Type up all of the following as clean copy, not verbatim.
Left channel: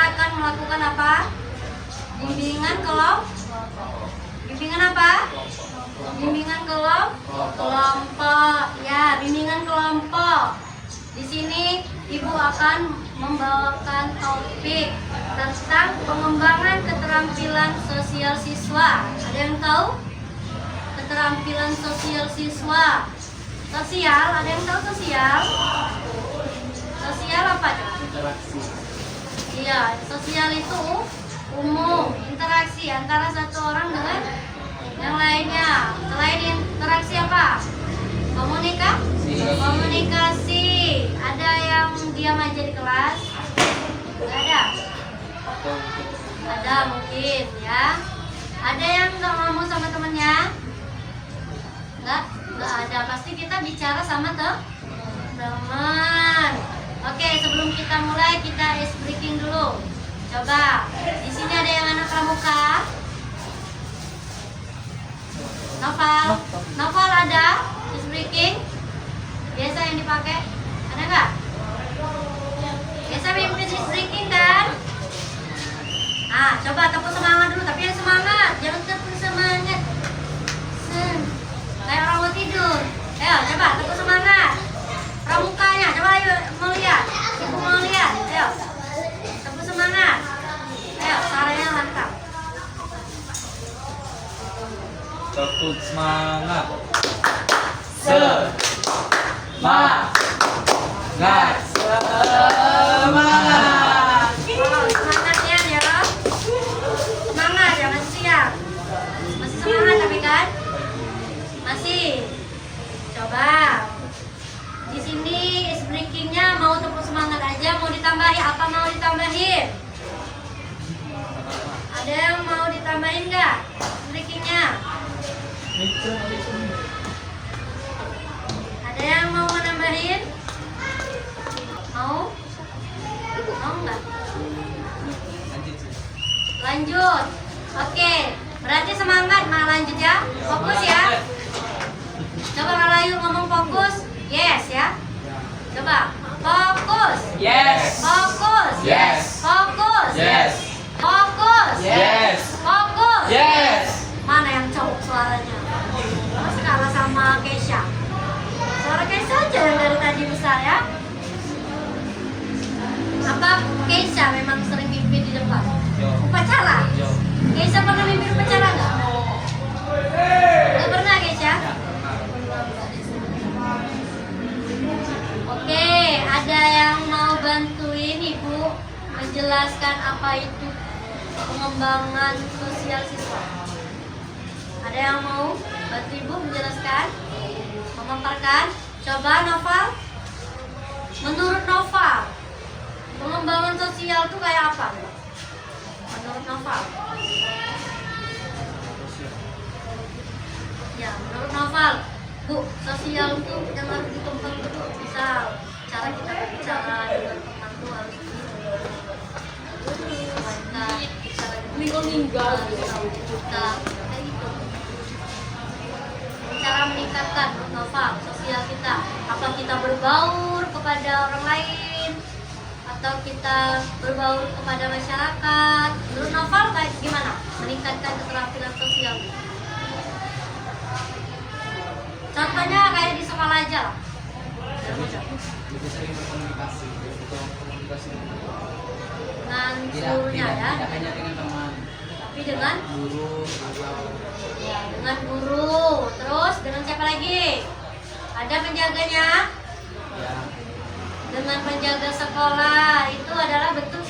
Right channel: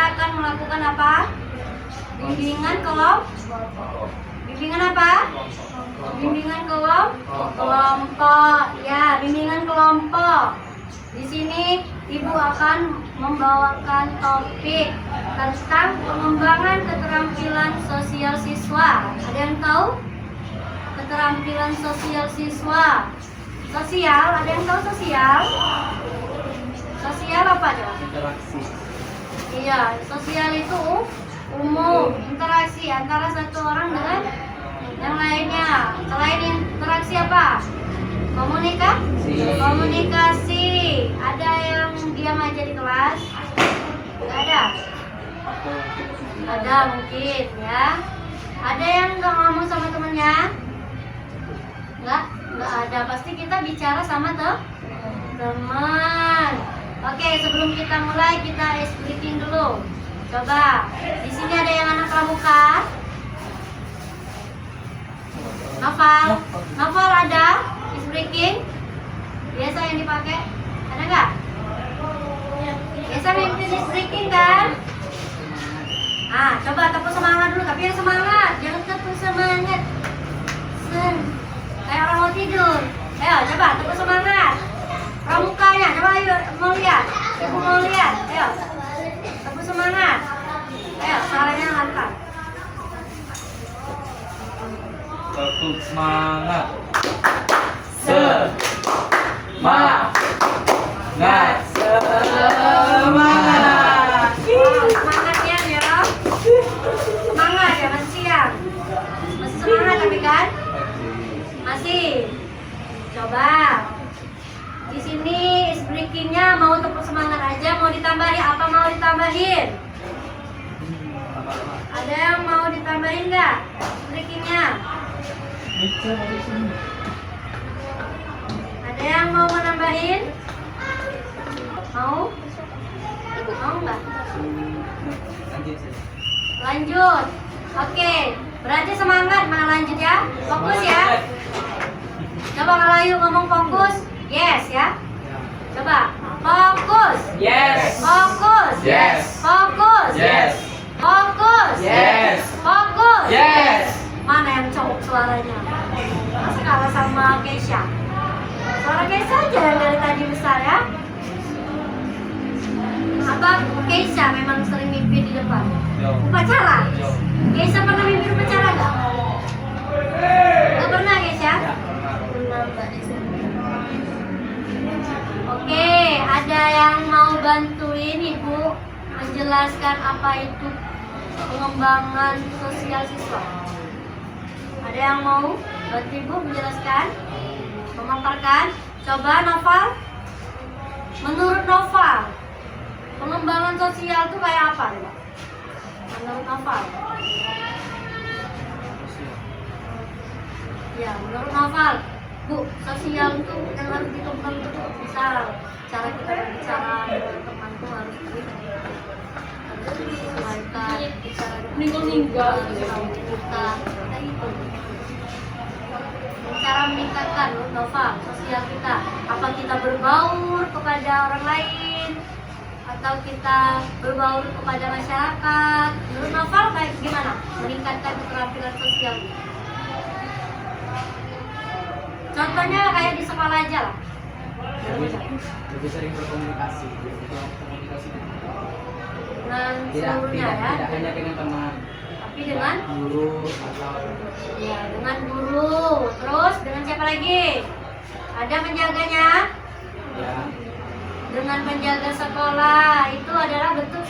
akan melakukan apa? Bimbingan bimbingan apa? Bimbingan kelompok. Ya, bimbingan kelompok. Di sini Ibu akan membawakan topik tentang pengembangan keterampilan sosial siswa. Ada yang tahu? Keterampilan sosial siswa. Sosial, ada yang tahu sosial? Sosial apa coba? Interaksi. Iya, sosial itu umum, interaksi antara satu orang dengan yang lainnya. Selain interaksi apa? Komunikasi. Ada yang diam aja di kelas? Nggak ada? Ada mungkin ya. Ada yang nggak ngomong sama temennya? Nggak ada. Pasti kita bicara sama teman. Oke, sebelum kita mulai kita ice breaking dulu. Coba, di sini ada yang anak pramuka. Novel ada ice breaking. Biasa yang dipakai, ada nggak? Biasa mimpin ice breaking kan? Coba tepuk semangat dulu, tapi yang semangat, jangan tepuk semangat. Kayak orang mau tidur. Ayo, coba tepuk semangat. Pramukanya, coba ayo mau lihat. Ibu mau lihat. Ayo. Tepuk semangat. Ayo, caranya lantang. Tepuk semangat. Semangat. Semangatnya ya, Rob. Semangat ya, masih siang. Masih semangat tapi kan? Masih. Coba. Di sini is breakingnya mau tepuk semangat aja, mau ditambahin apa mau ditambahin? Ada yang mau ditambahin nggak breakingnya? Ada yang mau menambahin? Mau? Mau nggak? Lanjut. Oke, berarti semangat mau lanjut ya? Fokus ya. Coba kalau yuk ngomong fokus. Yes ya. Coba. Fokus. Yes. Fokus. Yes. Fokus. Yes. Fokus. Yes. Fokus. Yes. Mana yang cowok suaranya? Masa kalah sama Keisha? Suara Keisha aja yang dari tadi besar ya. Apa Keisha memang sering mimpi di depan? Upacara? Keisha pernah mimpi upacara nggak? Nggak pernah Keisha? Oke, ada yang mau bantuin Ibu menjelaskan apa itu pengembangan sosial siswa? Ada yang mau bantu Ibu menjelaskan? Memaparkan? Coba Novel. Menurut Novel, pengembangan sosial itu kayak apa? Menurut Novel? Ya, menurut Novel, Bu, sosial itu yang harus dikembangkan itu misal cara kita berbicara dengan teman tuh harus disesuaikan, bicara dengan kita kayak gitu. Cara meningkatkan menurut Novel sosial kita, apa kita berbaur kepada orang lain atau kita berbaur kepada masyarakat? Menurut Novel kayak gimana meningkatkan keterampilan sosial? Contohnya kayak di sekolah aja lah. Lebih sering berkomunikasi. Dengan gurunya ya. Tidak hanya dengan teman. Tapi dengan guru atau ya dengan guru. Terus dengan siapa lagi? Ada penjaganya. ya. Dengan penjaga sekolah itu adalah bentuk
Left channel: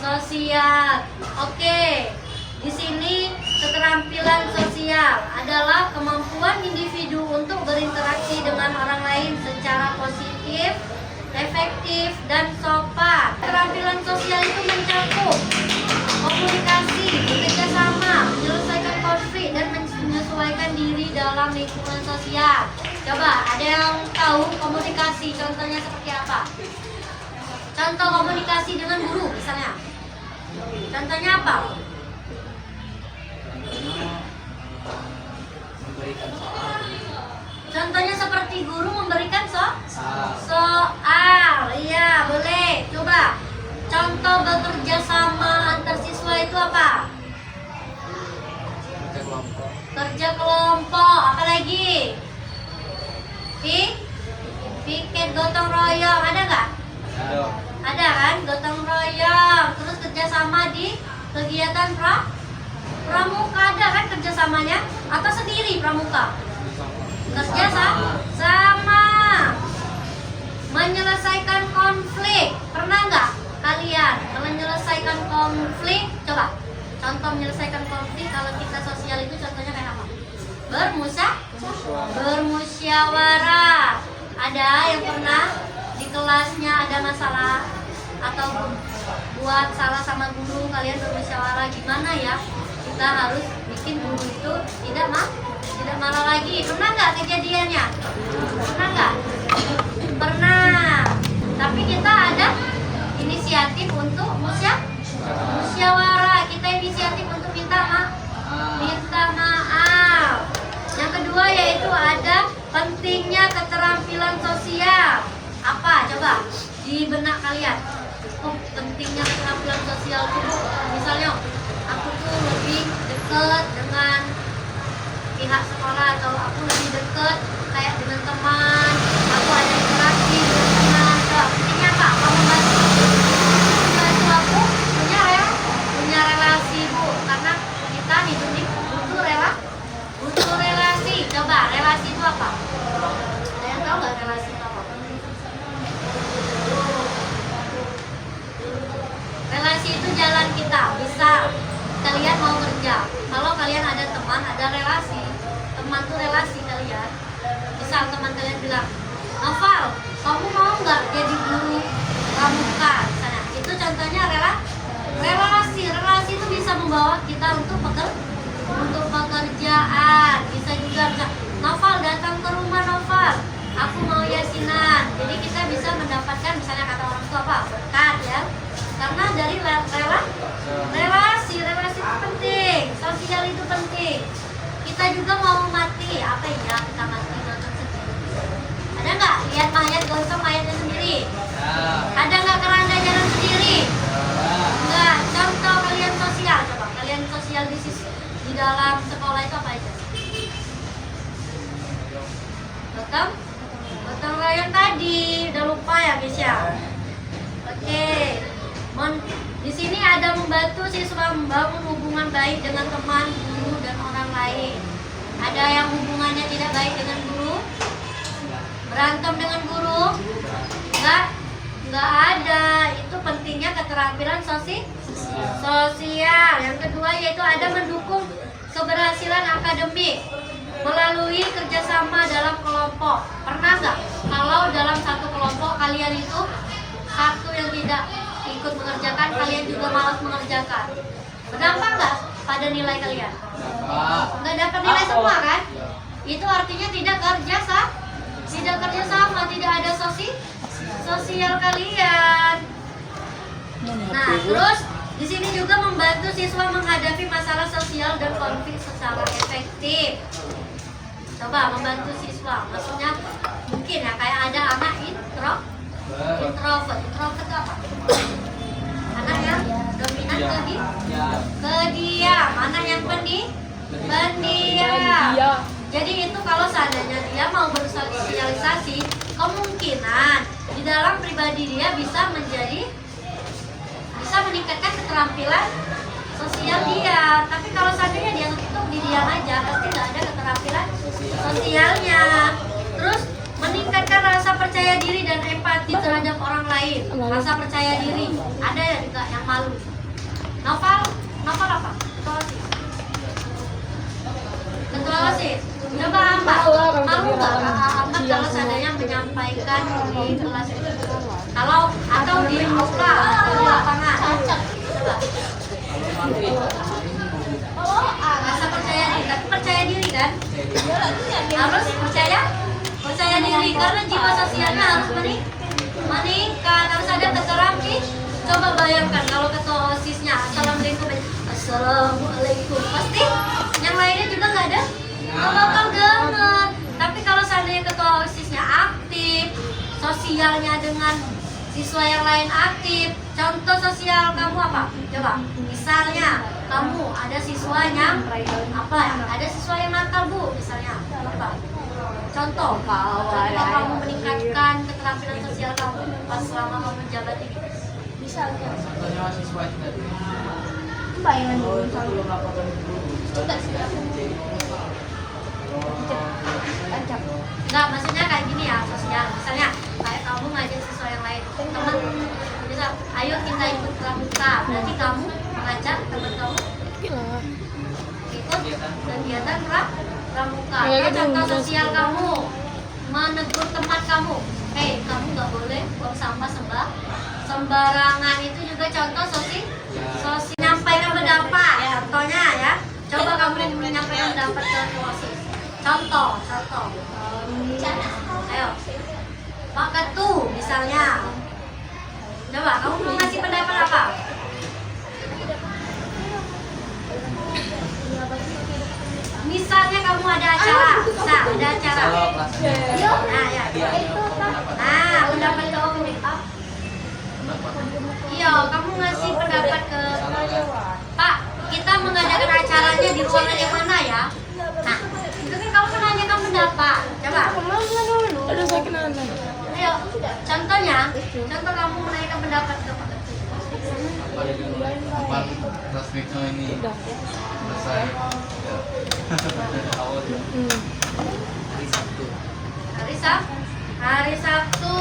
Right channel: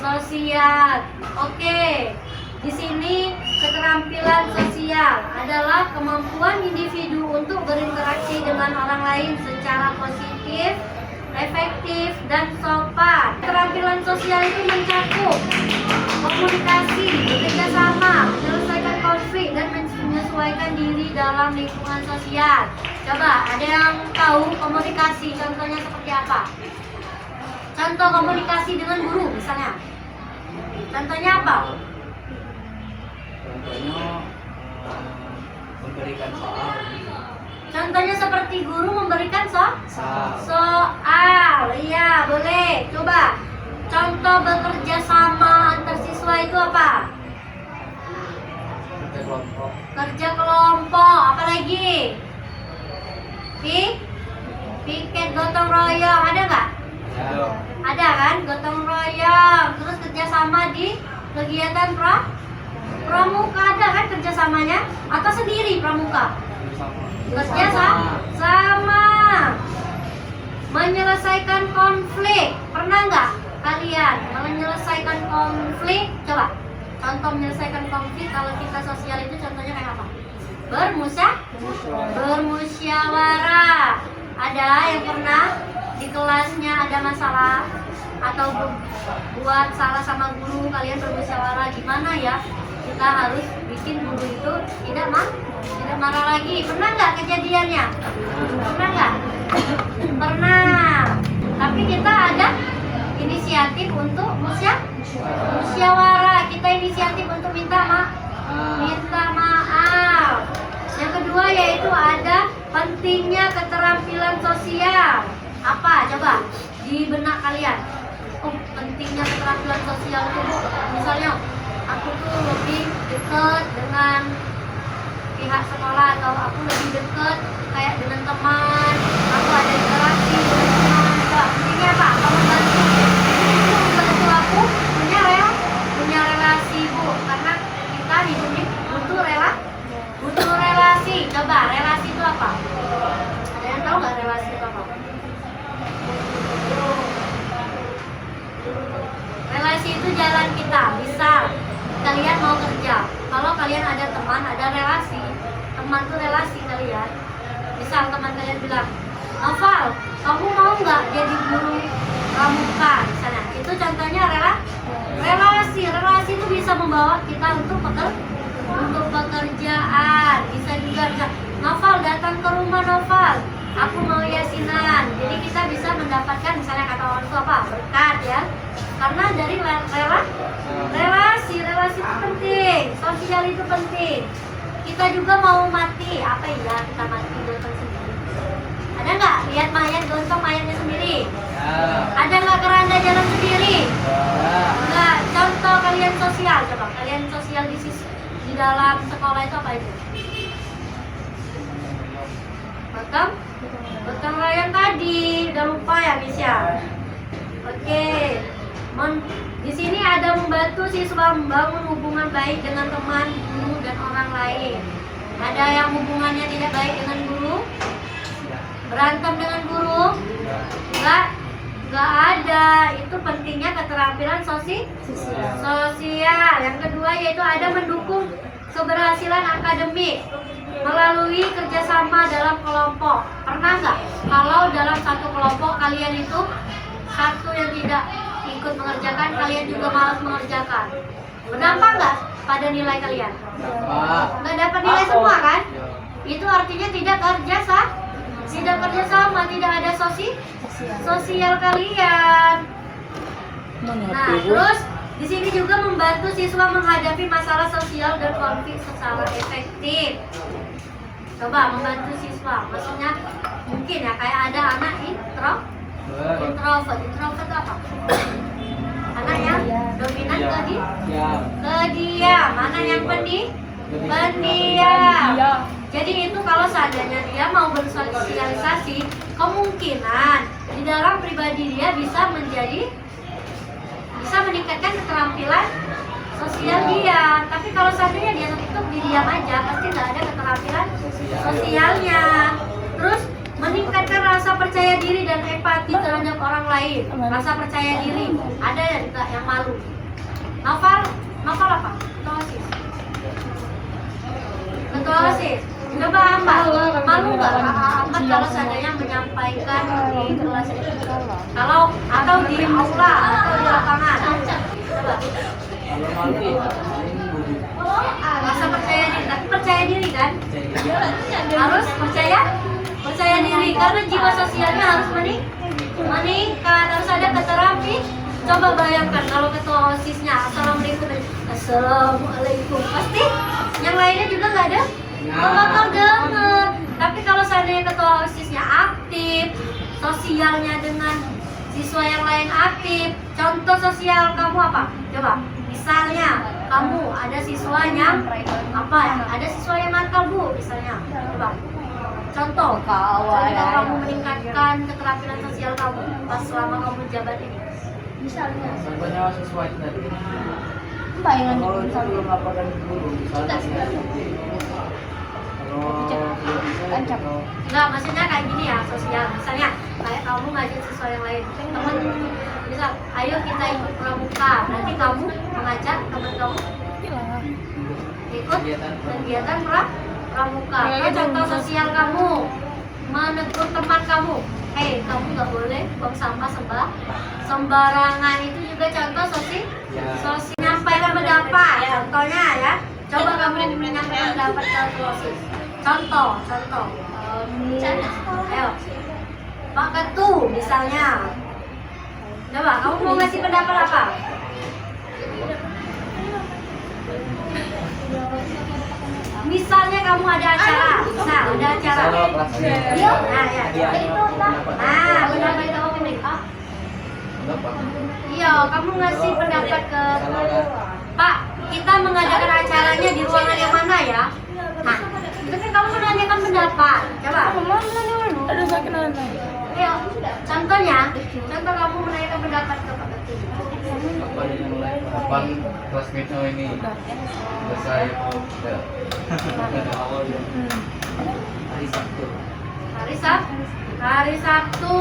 sosial. Oke. Di sini keterampilan sosial adalah kemampuan individu untuk berinteraksi dengan orang lain secara positif, efektif, dan sopan. Keterampilan sosial itu mencakup komunikasi, bekerja sama, menyelesaikan konflik, dan menyesuaikan diri dalam lingkungan sosial. Coba, ada yang tahu komunikasi contohnya seperti apa? Contoh komunikasi dengan guru misalnya. Contohnya apa? Contohnya memberikan soal. Contohnya seperti guru memberikan Soal. soal. Iya, boleh. Coba. contoh bekerja sama antar siswa itu apa? Kerja kelompok. Kerja kelompok, apalagi? Piket gotong royong, ada nggak? Ada. Ada kan, gotong royong. Terus kerjasama di kegiatan pramuka, ada kan kerjasamanya? Atau sendiri pramuka? Kerja sama. Menyelesaikan konflik, pernah nggak kalian menyelesaikan konflik? Coba, contoh menyelesaikan konflik kalau kita sosial itu contohnya kayak apa? Bermusyawarah. Ada yang pernah di kelasnya ada masalah atau buat salah sama guru, kalian bermusyawarah gimana ya kita harus bikin guru itu tidak marah lagi. Pernah nggak kejadiannya? Pernah nggak? Pernah. Tapi kita ada inisiatif untuk musyawarah. Kita inisiatif untuk minta maaf. Yang kedua yaitu ada pentingnya keterampilan sosial. Apa? Coba di benak kalian. Oh, pentingnya keterampilan sosial itu, Bu. Misalnya aku tuh lebih dekat dengan pihak sekolah, atau aku lebih dekat kayak dengan teman, aku ada interaksi dengan teman. Coba, pentingnya apa? Apa membantu? Itu membantu aku punya relasi, Bu. Karena kita hidup ini butuh relasi. Coba, relasi itu apa? Ada yang tahu nggak relasi itu apa? Relasi itu jalan kita. Misal kalian mau kerja, kalau kalian ada teman, ada relasi. Teman tuh relasi kalian. Misal teman kalian bilang, Noval, kamu mau nggak jadi guru pramuka misalnya? Itu contohnya relasi. Relasi itu bisa membawa kita untuk pekerjaan. Bisa juga Noval datang ke rumah Noval, aku mau yasinan. Jadi kita bisa mendapatkan, misalnya kata orang tua apa, berkat ya. Karena dari relasi itu penting, sosial itu penting. Kita juga mau mati, apa ya kita mati gotong sendiri? Ada nggak lihat mayat gotong mayatnya sendiri? Ada nggak keranda jalan sendiri? Nggak. Contoh kalian sosial, coba kalian sosial di dalam sekolah itu apa itu? Gotong royong tadi, udah lupa ya Misha? Oke. Di sini ada membantu siswa membangun hubungan baik dengan teman, guru, dan orang lain. Ada yang hubungannya tidak baik dengan guru? Berantem dengan guru? Enggak ada. Itu pentingnya keterampilan sosial. Yang kedua yaitu ada mendukung keberhasilan akademik melalui kerjasama dalam kelompok. Pernah nggak kalau dalam satu kelompok kalian itu satu yang tidak ikut mengerjakan, kalian juga malas mengerjakan? Berdampak nggak pada nilai kalian? Nggak dapat nilai semua kan? Itu artinya tidak kerja sama, tidak ada sosial kalian. Nah, terus di sini juga membantu siswa menghadapi masalah sosial dan konflik secara efektif. Coba membantu siswa, maksudnya mungkin ya kayak ada anak introvert itu apa? Anak yang dominan kediam, anak yang pendiam. Jadi itu kalau seandainya dia mau bersosialisasi, kemungkinan di dalam pribadi dia bisa meningkatkan keterampilan sosial dia. Tapi kalau seandainya dia tutup di diam aja, pasti nggak ada keterampilan sosialnya. Terus meningkatkan rasa percaya diri dan empati terhadap orang lain. Rasa percaya diri. Ada ya juga yang malu. Novel apa? Ketua OSIS. Coba Ahmad, malu nggak Ahmad kalau seandainya menyampaikan di kelas itu? Kalau atau di aula atau di lapangan? Coba. Rasa percaya diri, tapi percaya diri kan? Harus percaya diri karena jiwa sosialnya harus meningkat, harus ada keterampilan. Coba bayangkan kalau ketua OSISnya Assalamualaikum, pasti yang lainnya juga nggak bakal denger. Tapi kalau seandainya ketua OSISnya aktif, sosialnya dengan siswa yang lain aktif. Contoh sosial kamu apa? Coba. Misalnya kamu ada siswa yang apa ya? Ada siswa yang nakal Bu, misalnya. Coba. Contoh kamu meningkatkan keterampilan sosial kamu pas selama kamu menjabat ini. Misalnya. Contohnya siswa itu tadi. Bayangan Kalau itu belum laporkan ke guru, misalnya kalau Enggak, maksudnya kayak gini ya, sosial. Misalnya kayak kamu ngajak siswa yang lain, teman bisa, ayo kita ikut pramuka. Nanti kamu mengajak teman kamu ikut kegiatan pramuka. Atau contoh sosial kamu menegur teman kamu, hei kamu nggak boleh buang sampah sembarangan. Itu juga contoh sosial. Menyampaikan pendapat, contohnya ya. Coba kamu menyampaikan pendapat ke OSIS. Contoh. Ayo, Pak Ketu misalnya. Coba kamu mau ngasih pendapat apa? Misalnya kamu ada acara, ada acara. kalau kelasnya Nah, ya. Nah, pendapat kamu. Iya, kamu ngasih pendapat ke Pak, kita mengadakan acaranya di ruangan yang mana ya? Nah, itu kan kamu menanyakan pendapat. Coba. Ayo, contohnya, contoh kamu menanyakan pendapat ke Pak Ketu. Abang resminya ini selesai hari Sabtu. Hari Sabtu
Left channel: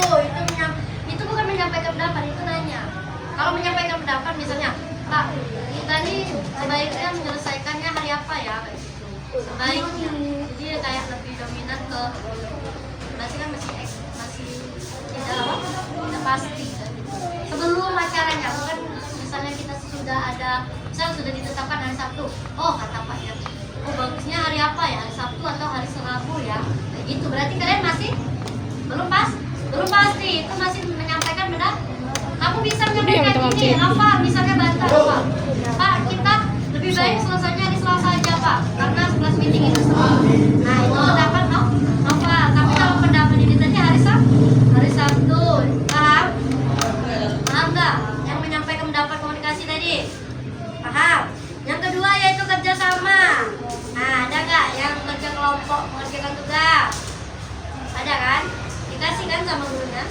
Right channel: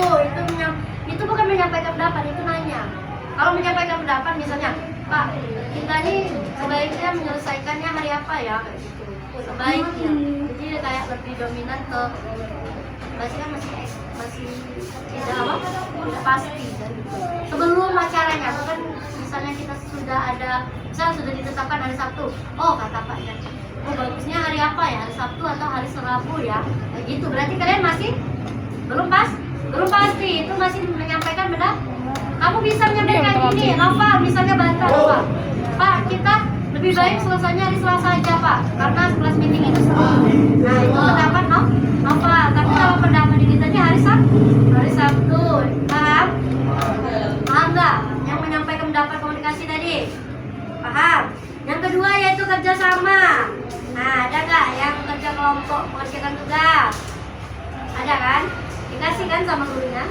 itu bukan menyampaikan pendapat, itu nanya. Kalau menyampaikan pendapat misalnya, Pak, kita nih sebaiknya menyelesaikannya hari apa ya, kayak gitu. Sebaiknya. Jadi kayak lebih dominan ke masih tidak pasti dan gitu. Sebelum acaranya, bukan misalnya kita sudah ditetapkan hari Sabtu. Oh, kata Paknya, oh bagusnya hari apa ya? Hari Sabtu atau hari Rabu ya? Kayak gitu. Berarti kalian masih belum pasti. Itu masih menyampaikan pendapat. Kamu bisa menyampaikan ini, Nova misalnya bantah, Pak. Pak, kita lebih baik selesainya hari Selasa aja, Pak. Karena 11 meeting itu semua. Nah, itu pendapat Nova. Tapi kalau pendapat ini tadi hari Sabtu. Paham? Paham nggak? Yang menyampaikan pendapat komunikasi tadi? Paham? Yang kedua yaitu kerjasama. Nah, ada nggak yang kerja kelompok mengerjakan tugas? Ada kan? Dikasih kan sama gurunya?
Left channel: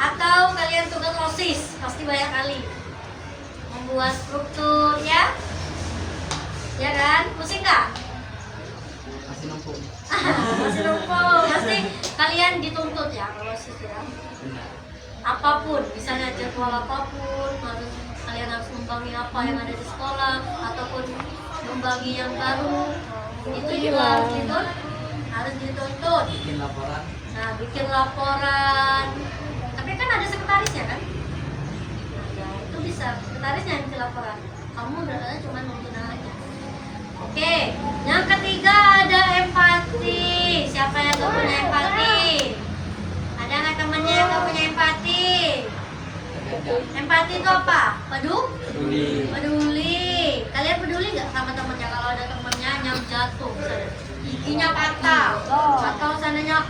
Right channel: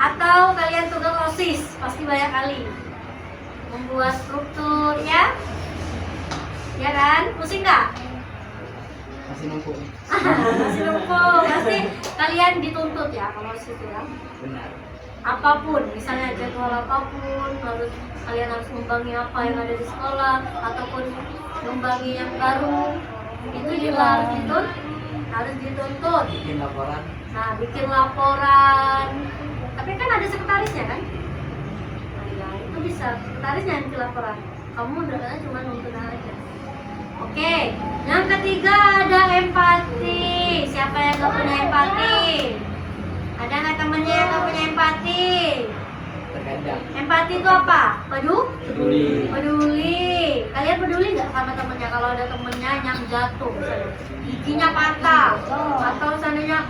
Atau kalian tugas OSIS, pasti banyak kali membuat struktur ya? Ya kan? Pusing nggak? Masih numpuk. Masih numpuk. Pasti kalian dituntut ya kalau OSIS ya. Benar. Apapun, misalnya jadwal apapun, kalian harus membangi apa yang ada di sekolah ataupun membangi yang baru. Itu juga harus dituntut. Bikin laporan. Nah, bikin laporan. Tapi kan ada sekretarisnya kan? Nah, ya, itu bisa sekretarisnya yang bikin laporan. Kamu udah cuma nuntun aja. Oke, yang ketiga ada empati. Siapa yang gak punya empati? Ada nggak temennya yang gak punya empati? Terkadang. Empati itu apa? Peduli. Kalian peduli nggak sama temennya kalau ada temennya yang jatuh misalnya giginya patah atau seandainya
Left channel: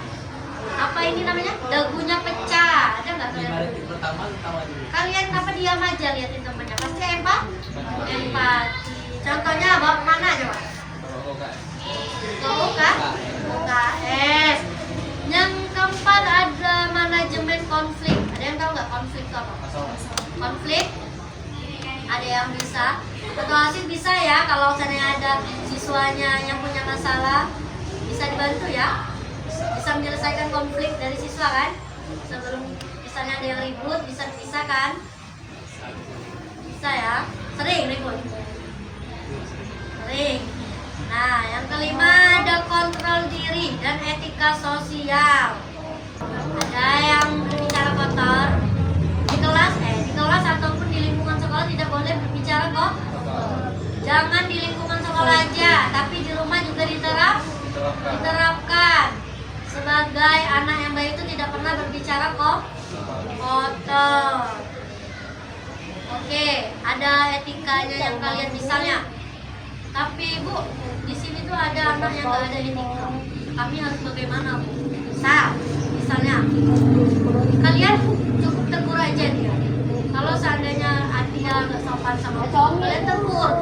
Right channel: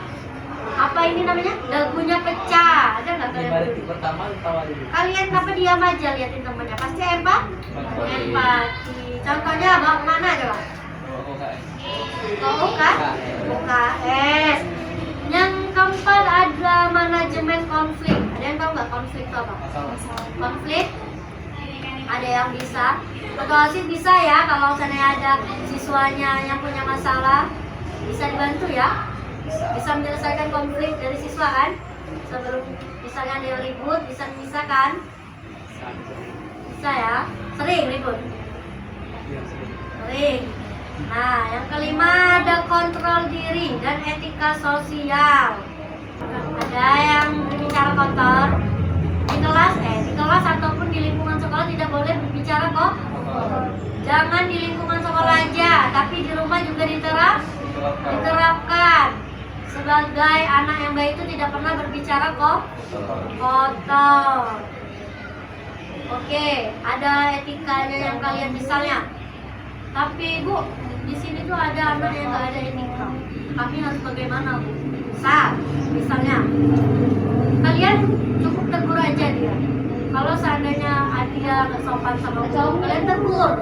apa ini namanya dagunya pecah, ada nggak kalian peduli? Pertama tawa dulu. Kalian apa diam aja liatin temennya? Pasti empati. Contohnya bawa kemana coba? Ke UKS. Yang keempat ada manajemen konflik. Ada yang tahu nggak konflik itu apa? Konflik ada yang bisa. Ketua OSIS bisa ya kalau misalnya ada siswanya yang punya masalah bisa dibantu ya. Bisa menyelesaikan konflik dari siswa kan? Sebelum misalnya ada yang ribut bisa kan? Bisa ya. Sering ribut. Sering. Nah, yang kelima ada kontrol diri dan etika sosial. Ada yang berbicara kotor di kelas ataupun di lingkungan sekolah tidak boleh berbicara kok. Jangan di lingkungan sekolah aja, tapi di rumah juga diterapkan. Sebagai anak yang baik itu tidak pernah berbicara kok kotor. Oke, ada etikanya yang kalian misalnya. Tapi Bu, di sini tuh ada anak yang nggak ada etika. Kami harus bagaimana Bu? Misalnya kalian cukup tegur aja dia. Kalau seandainya dia nggak sopan sama guru, kalian tegur.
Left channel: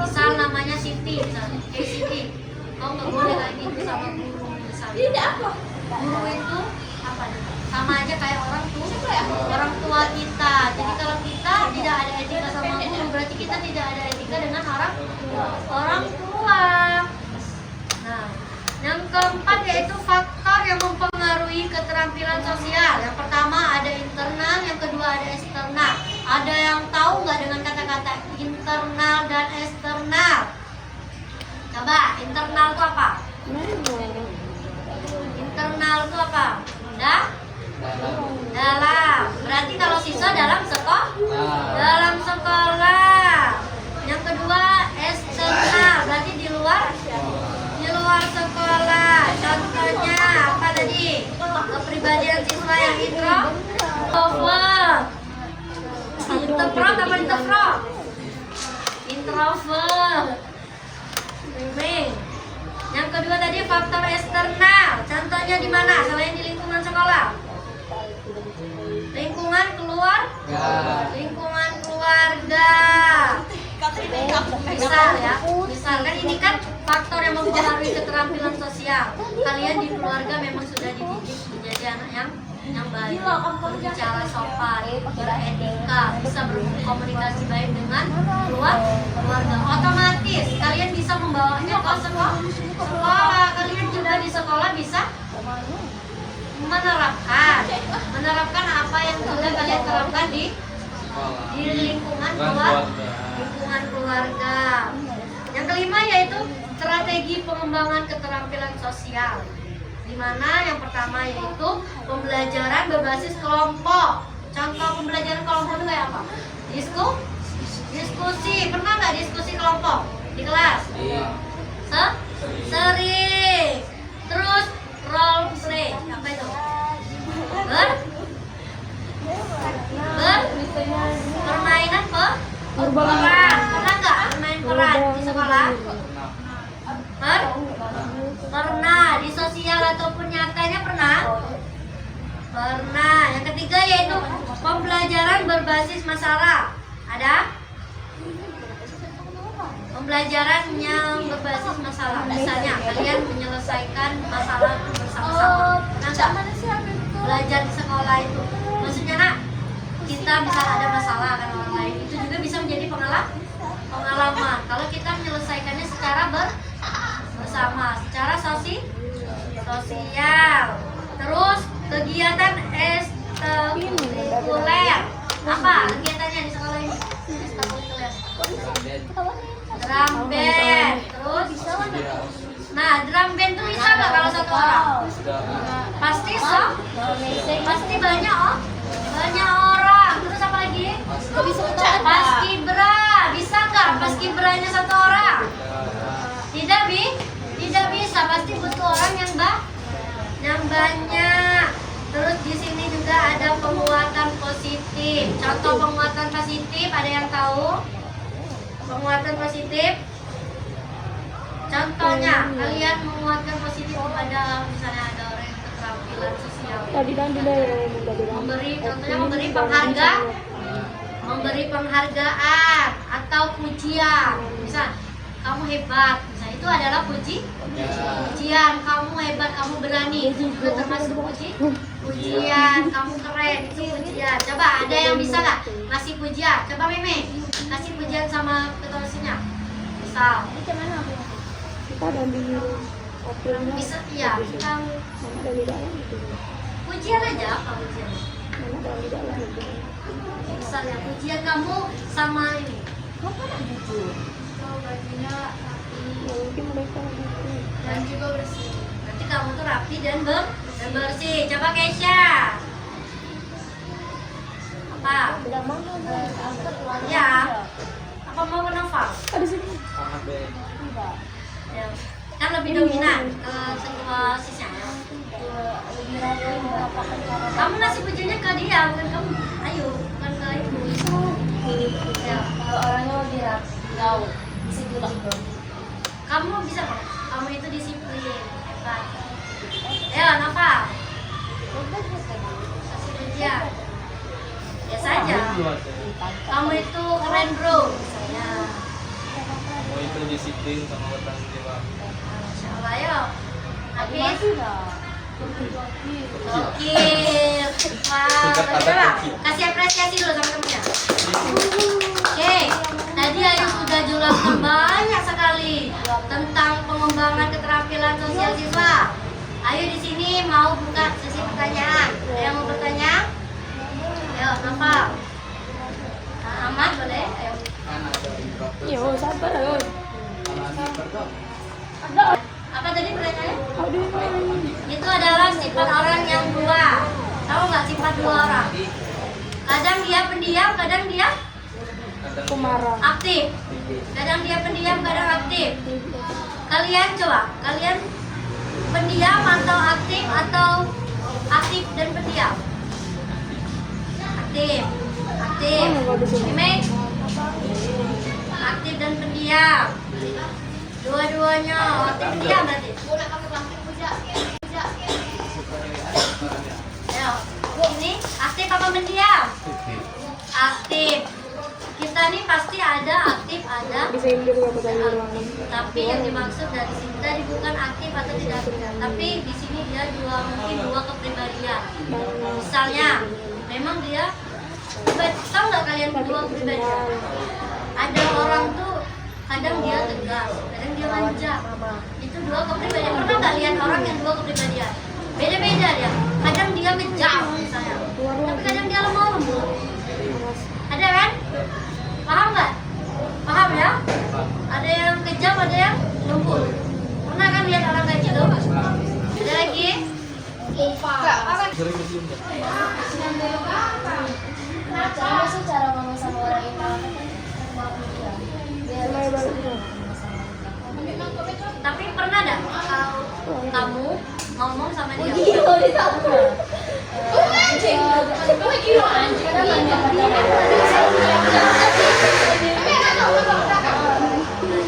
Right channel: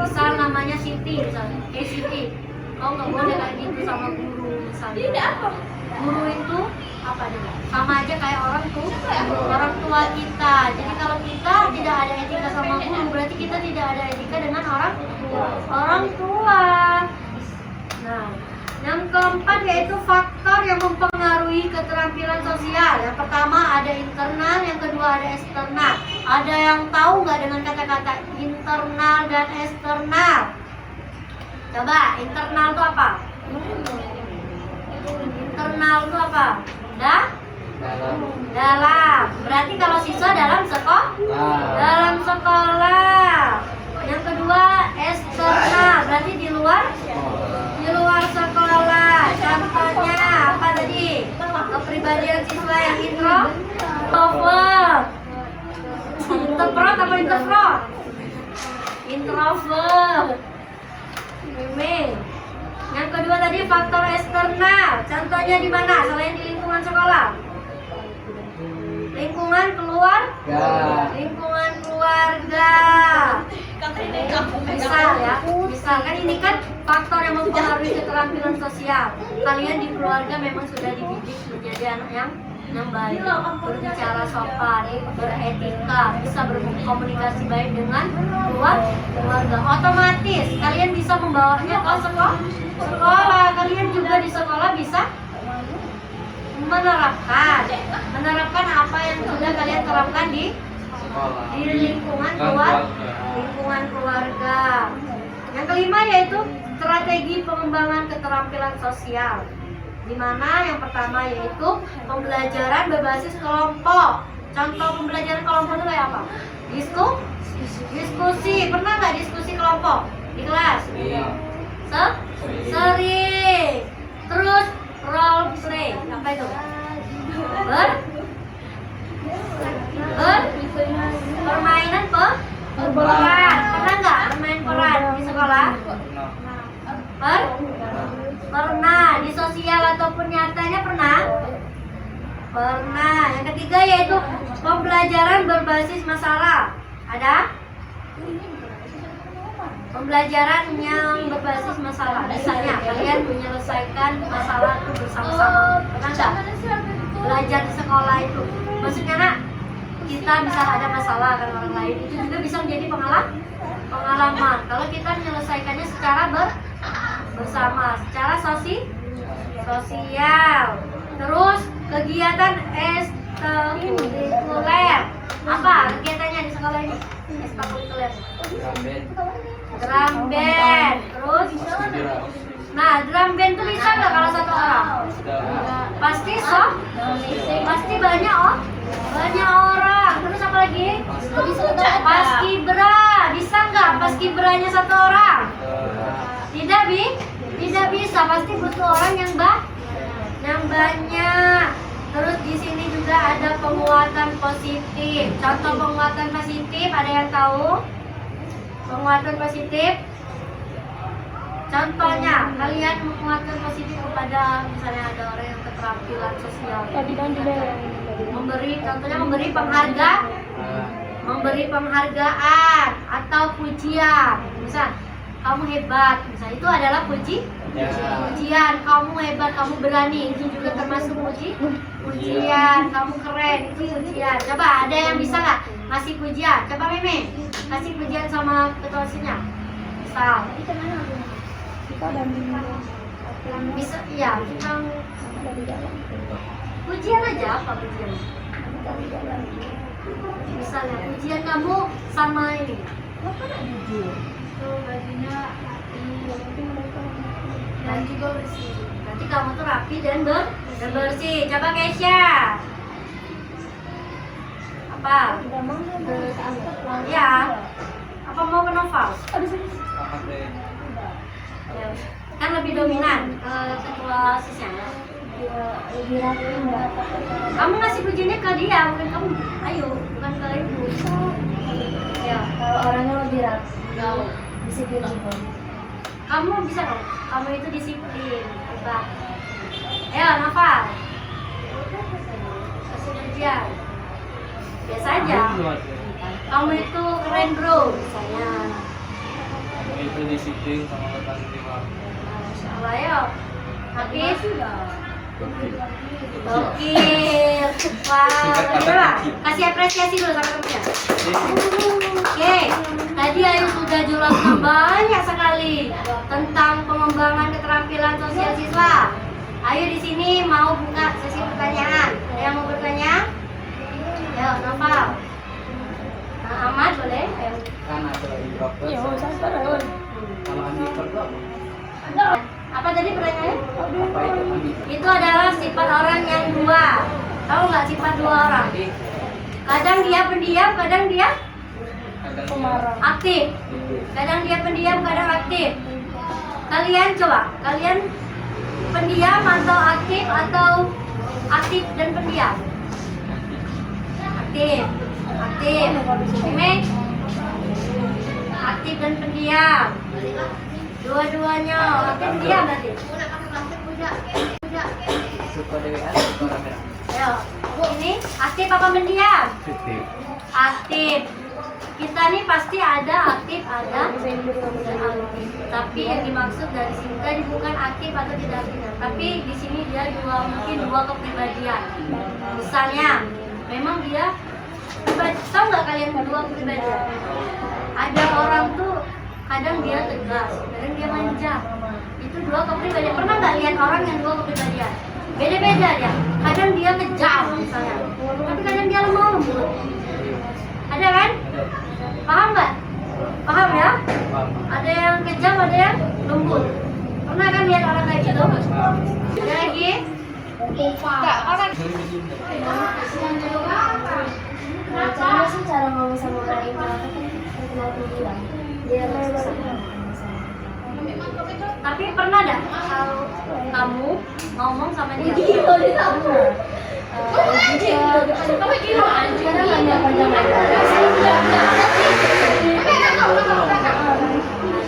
Misal namanya Siti, misalnya, Siti, kau nggak boleh kayak gitu sama guru misalnya. Guru itu apa nih? Sama aja kayak orang tua kita. Jadi kalau kita tidak ada etika sama guru, berarti kita tidak ada etika dengan orang tua. Nah, yang keempat yaitu faktor yang mempengaruhi keterampilan sosial. Yang pertama ada internal, yang kedua ada eksternal. Ada yang tahu nggak dengan kata-kata internal dan eksternal? Coba, internal itu apa? Internal itu apa? Dalam. Berarti kalau siswa dalam sekolah. Yang kedua eksternal, berarti di luar sekolah. Contohnya apa tadi? Kepribadian siswa yang introvert. Introvert apa introvert? Introvert. Yang kedua tadi faktor eksternal. Contohnya di mana? Selain di lingkungan sekolah. Lingkungan keluarga. Misalkan ini kan faktor yang mempengaruhi keterampilan sosial. Kalian di keluarga memang sudah dididik menjadi anak yang baik, berbicara sopan, beretika, bisa berkomunikasi baik dengan keluarga. Otomatis kalian bisa membawanya ke sekolah. Kalian juga di sekolah bisa menerapkan apa yang sudah kalian terapkan di lingkungan keluarga. Yang kelima yaitu strategi pengembangan keterampilan sosial, di mana yang pertama yaitu pembelajaran berbasis kelompok. Contoh pembelajaran kelompok itu kayak apa? Diskusi. Pernah nggak diskusi kelompok di kelas? Sering. Terus role play, apa itu? Permainan peran. Pernah nggak bermain peran di sekolah? Pernah. Di sosial ataupun nyatanya pernah. Yang ketiga yaitu pembelajaran berbasis masalah. Ada? Pembelajaran yang berbasis masalah. Misalnya kalian menyelesaikan masalah itu bersama-sama. Pernah nggak? Belajar di sekolah itu. Maksudnya nak, kita misal ada masalah dengan orang lain, itu juga bisa menjadi pengalaman. Kalau kita menyelesaikannya secara bersama, secara sosial. Terus kegiatan ekstrakurikuler. Apa kegiatannya di sekolah ini? Ekstrakurikuler. Drum band. Terus drum band itu bisa nggak kalau satu orang? Pasti pasti banyak orang. Terus apa lagi? Paskibra. Bisa nggak paskibranya satu orang? Tidak bisa. Pasti butuh orang yang banyak. Terus di sini juga ada penguatan positif. Contoh penguatan positif, ada yang tahu? Penguatan positif. Contohnya, kalian menguatkan positif kepada misalnya ada orang yang keterampilan sosial. Memberi penghargaan atau pujian. Misal, kamu hebat. Misal itu adalah pujian. Kamu hebat, kamu berani. Itu juga termasuk pujian. Kamu keren, itu pujian. Coba ada yang bisa nggak ngasih pujian? Coba Meme, kasih pujian sama ketua OSIS-nya. Misal. Bisa, iya. Pujian aja, apa pujian? Misalnya pujian kamu sama ini. Gajinya rapi dan juga bersih. Nanti kamu tuh rapi dan bersih. Coba Keisha. Apa? Ya. Apa mau ke Noval? Ya. Kan lebih dominan ketua sisnya ya. Lebih rapi enggak? Kamu ngasih pujiannya ke dia, bukan kamu. Ayo, bukan ke ibu. Ya. Kalau orangnya lebih rapi, disiplin juga. Kamu bisa nggak? Kamu itu disiplin, hebat. Ayo Nova. Kamu itu keren bro, saya. Kamu itu disiplin sama bertanggung jawab. Masya Allah ya. Habis. Gokil. Wow, coba kasih apresiasi dulu sama temennya. Oke, tadi Ayu sudah jelaskan banyak sekali tentang pengembangan keterampilan sosial siswa. Ayu di sini mau buka sesi pertanyaan. Ada yang mau bertanya? Ayo, Noval. Nah, Ahmad boleh? Ayo. Kan ada introvert. Ya, sabar. Kalau ambivert Apa tadi pertanyaannya? apa itu ambivert? Itu adalah sifat orang yang dua. Tahu nggak sifat dua orang? Jadi Kadang dia pendiam, kadang dia kadang dia aktif. Kadang dia pendiam, kadang aktif. Kalian coba, kalian pendiam atau aktif dan pendiam? Aktif. Aktif. Mime? Aktif dan pendiam. Dua-duanya aktif pendiam berarti. suka dewean suka rada. Ayo, ini aktif apa pendiam? Aktif. Kita nih pasti ada aktif, ada tidak aktif. Tapi yang dimaksud dari sini tadi bukan aktif atau tidak aktif, tapi di sini dia mungkin dua kepribadian. Misalnya, memang dia tahu nggak kalian kedua kepribadian? Ada orang tuh kadang dia tegas, kadang dia manja. Itu dua kepribadian. Pernah nggak lihat orang yang dua kepribadian? Beda-beda dia. Kadang dia kejam misalnya, tapi kadang dia lemah lembut. Ada kan? Paham nggak? Paham ya? Ada yang kejam, ada yang lembut. Pernah kan lihat orang kayak gitu? Ada lagi? Sering diem nggak? Cara sih cara ngomong sama orang introvert kan terkenal pendiam. Dia susah ngomong sama orang. Tapi pernah nggak kalau kamu ngomong sama dia? Sekarang hanya pandangan.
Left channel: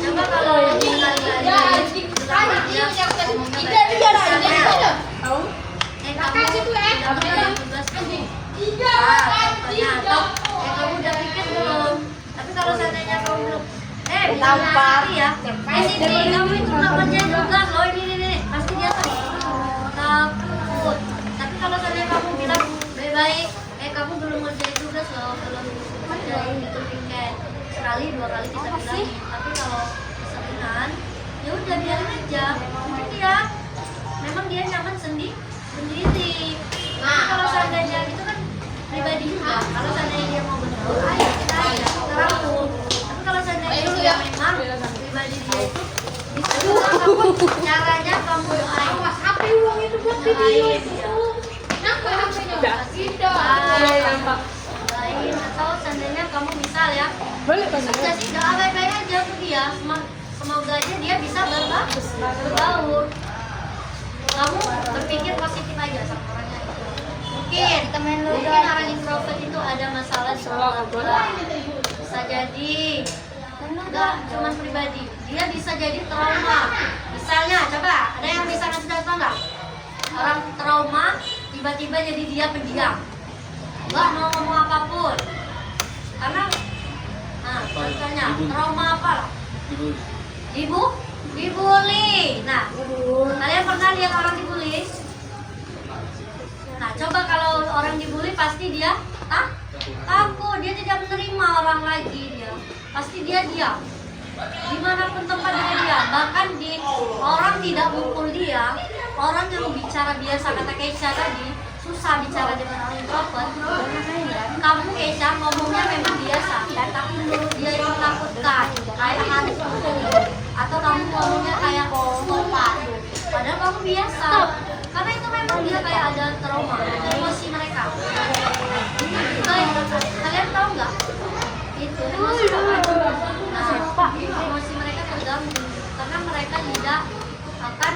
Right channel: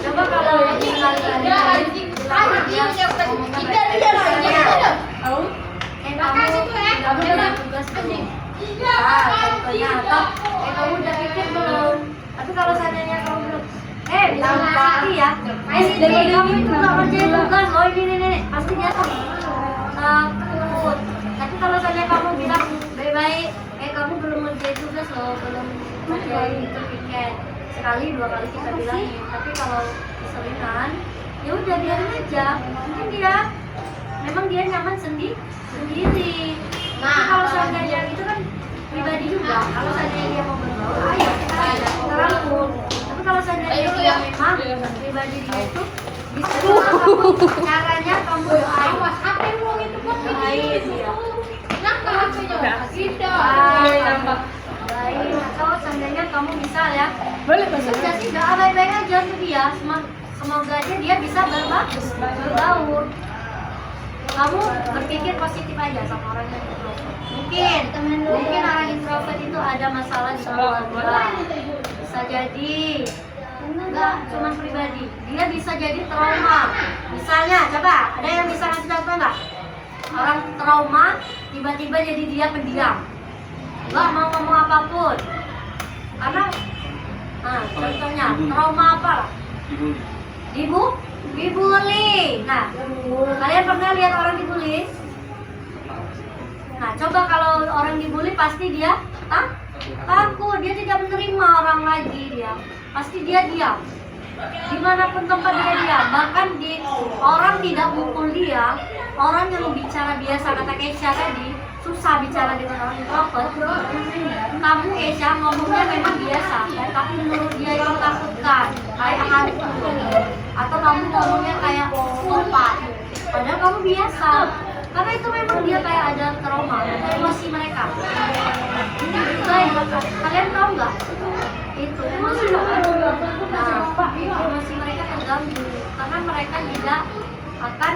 Coba kalau sekali-kali bilang dia ngomongnya baik-baik. Misalnya, kamu udah beli tugas belum? Contohnya, atau kamu udah pikir belum? Tapi kalau seandainya kamu belum, misalnya Siti ya, Siti, kamu itu nggak kerjain tugas loh, ini, pasti dia takut. Tapi kalau seandainya kamu bilang baik-baik, kamu belum ngerjain tugas loh, belum ngerjain itu piket, sekali dua kali kita bilangin. Tapi kalau keseringan, ya udah biarin aja. Mungkin dia memang dia nyaman sendiri. Tapi kalau seandainya itu kan pribadi juga. Kalau seandainya dia mau bergaul, ayo kita ajak, kita rangkul. Tapi kalau seandainya dia memang pribadi dia itu bisa juga kamu caranya kamu doain dia. Doain atau seandainya kamu misal ya, bisa sih doa baik-baik aja untuk dia. Semoga aja dia bisa berbaur. Kamu berpikir positif aja sama orang yang introvert. Mungkin orang introvert itu ada masalah di keluarga. Bisa jadi nggak cuma pribadi, dia bisa jadi trauma. Misalnya, coba ada yang bisa ngasih contoh nggak? Orang trauma tiba-tiba jadi dia pendiam, nggak mau ngomong apapun. Karena, contohnya trauma apa lah? Dibully. Nah, kalian pernah lihat orang dibully? Nah, coba kalau orang dibully pasti dia takut, dia tidak menerima orang lagi dia. Pasti dia diam. Dimanapun tempat dia diam. Bahkan orang tidak mukul dia, orang yang bicara biasa kata Keisha tadi, susah bicara dengan orang introvert. Kamu Keisha ngomongnya memang biasa, tapi menurut dia itu takutkan, kayak hantu. Atau kamu ngomongnya kayak kompak, padahal kamu biasa. Karena itu memang dia kayak ada trauma, emosi mereka. Itu juga yang kalian tahu nggak? Itu emosi kan? Nah, emosi mereka terganggu karena mereka tidak akan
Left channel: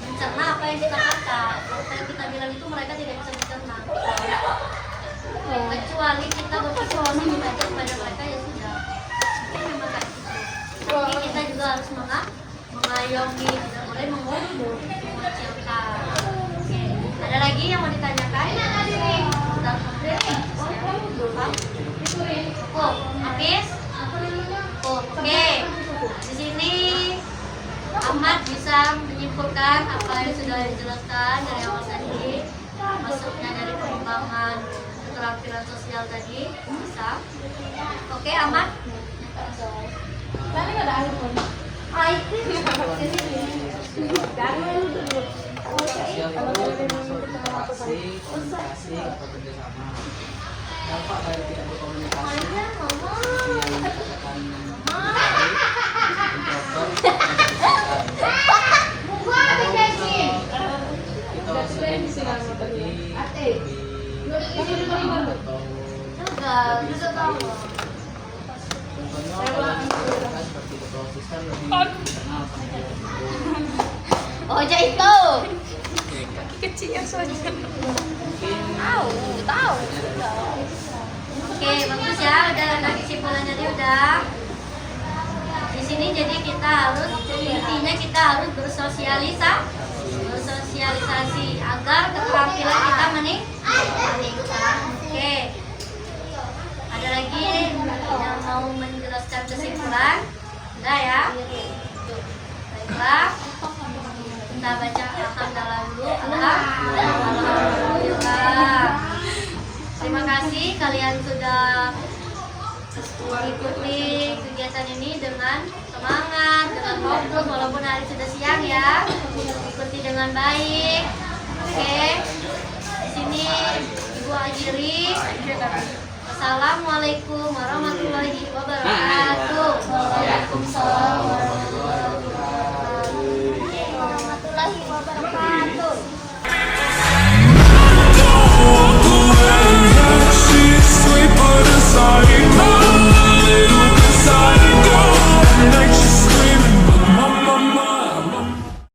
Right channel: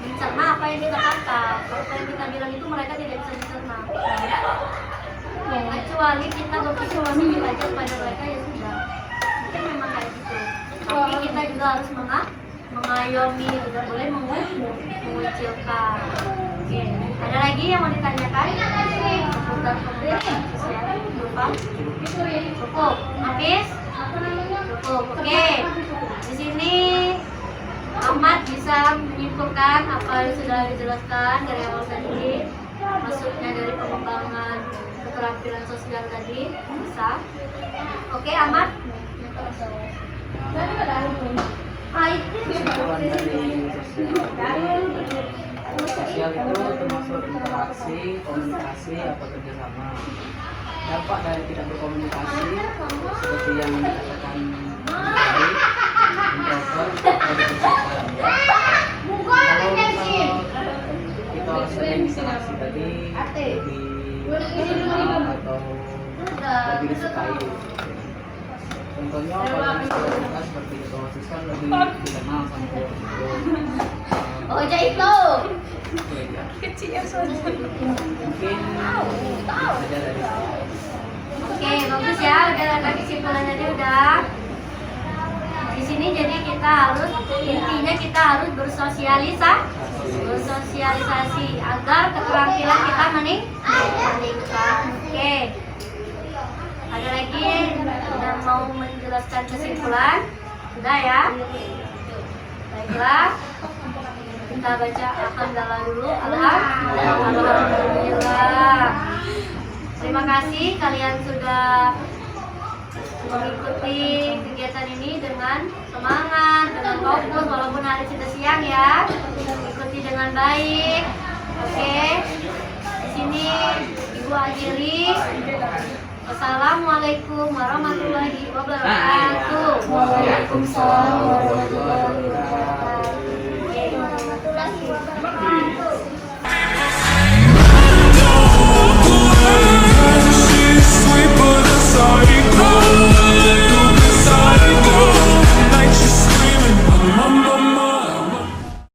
mencerna apa yang kita kata. Apa yang kita bilang itu mereka tidak bisa mencerna. Kecuali kita berpikir positif aja kepada mereka, ya sudah. Mungkin memang kayak gitu. Tapi kita juga harus mengayomi, tidak boleh mengucilkan. Oke, ada lagi yang mau ditanyakan tentang komunikasi sosial? Cukup? Cukup. Hafiz? Cukup. Oke. Di sini Ahmad bisa menyimpulkan apa yang sudah dijelaskan dari awal tadi, maksudnya dari pengembangan keterampilan sosial tadi. Bisa? Oke, Ahmad? Sosial itu termasuk interaksi, komunikasi atau kerjasama. Dampak dari tidak berkomunikasi seperti yang dikatakan tadi, introvert atau terbuka. Kalau kita sering interaksi tadi lebih dikenal atau lebih disukai. Contohnya kalau kita seperti ketua sistem lebih dikenal sama ketua. Oh, itu. Kecil soalnya. Mungkin tahu ada dari Oke, bagus ya. Udah kesimpulan tadi udah. Di sini jadi kita harus intinya kita harus bersosialisasi agar keterampilan kita meningkat. Oke. Ada lagi yang mau menjelaskan kesimpulan? Sudah ya? Baiklah. Kita baca alhamdulillah dulu. Alhamdulillah. Terima kasih kalian sudah mengikuti kegiatan ini dengan semangat, dengan fokus walaupun hari sudah siang ya. Ikuti dengan baik. Oke. Di sini Ibu akhiri. Wassalamualaikum warahmatullahi wabarakatuh.